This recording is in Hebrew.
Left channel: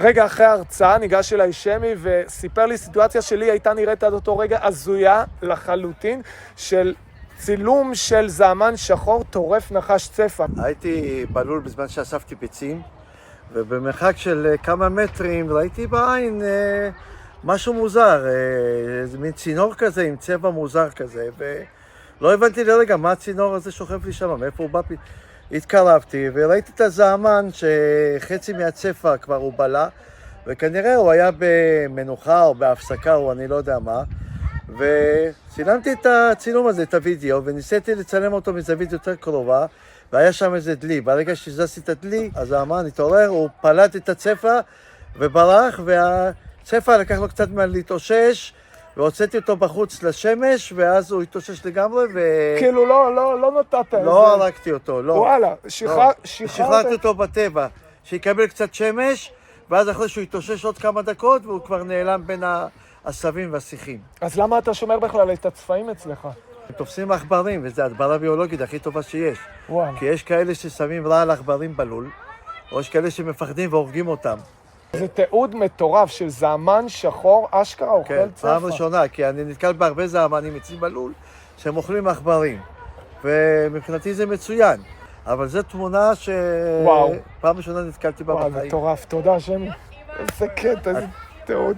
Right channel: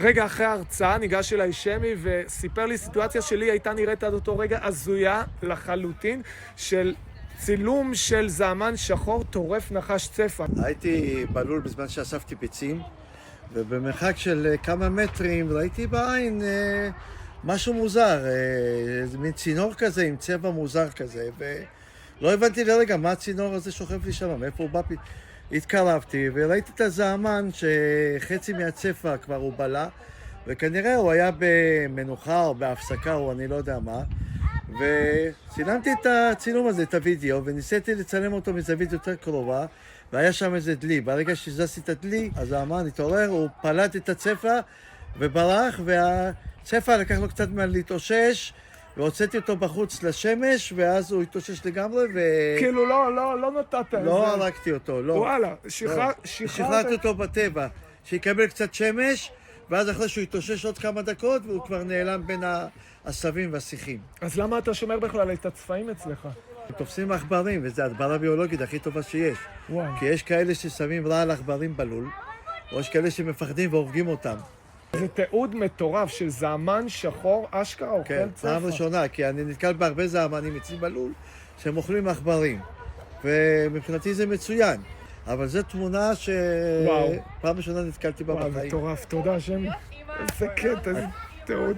רגע אחרי ההרצאה ניגש אליי שמי וסיפר לי סיטואציה שלי הייתה נראית עד אותו רגע הזויה לחלוטין של צילום של זעמן שחור טורף נחש צפה. הייתי בלול בזמן שאספתי ביצים, ובמרחק של כמה מטרים ראיתי בעין משהו מוזר, מין צינור כזה עם צבע מוזר כזה, ולא הבנתי לרגע מה הצינור הזה שוכב לי שם, מאיפה הוא בא. התקרבתי וראיתי את הזעמן שחצי מהצפה כבר הוא בלה, וכנראה הוא היה במנוחה או בהפסקה או אני לא יודע מה, וצילמתי את הצילום הזה, את הוידאו, וניסיתי לצלם אותו מזווית יותר קרובה, והיה שם איזה דלי. ברגע שזזתי את הדלי, הזעמן התעורר, הוא פלט את הצפה וברח, והצפה לקח לו קצת מה להתאושש, והוצאתי אותו בחוץ לשמש, ואז הוא התאושש לגמרי, כאילו לא נתת את לא הרגתי אותו, לא. וואלה, שחררתי אותו בטבע, שיקבל קצת שמש, ואז אחרי שהוא התאושש עוד כמה דקות, והוא כבר נעלם בין העשבים והשיחים. אז למה אתה שומר בכלל את הצפעים אצלך? תופסים עכברים, וזו הדברה ביולוגית הכי טובה שיש. וואו. כי יש כאלה ששמים רע על עכברים בלול, או יש כאלה שמפחדים והורגים אותם. זה תיעוד מטורף של זעמן שחור, אשכרה אוכל כן, צפה. פעם ראשונה, כי אני נתקל בהרבה זעמנים אצלי בלול, שהם אוכלים עכברים. ומבחינתי זה מצוין. אבל זו תמונה וואו. שפעם ראשונה נתקלתי בה וואו, בחיים. מטורף, תודה שמי. איזה קטע, איזה תיעוד.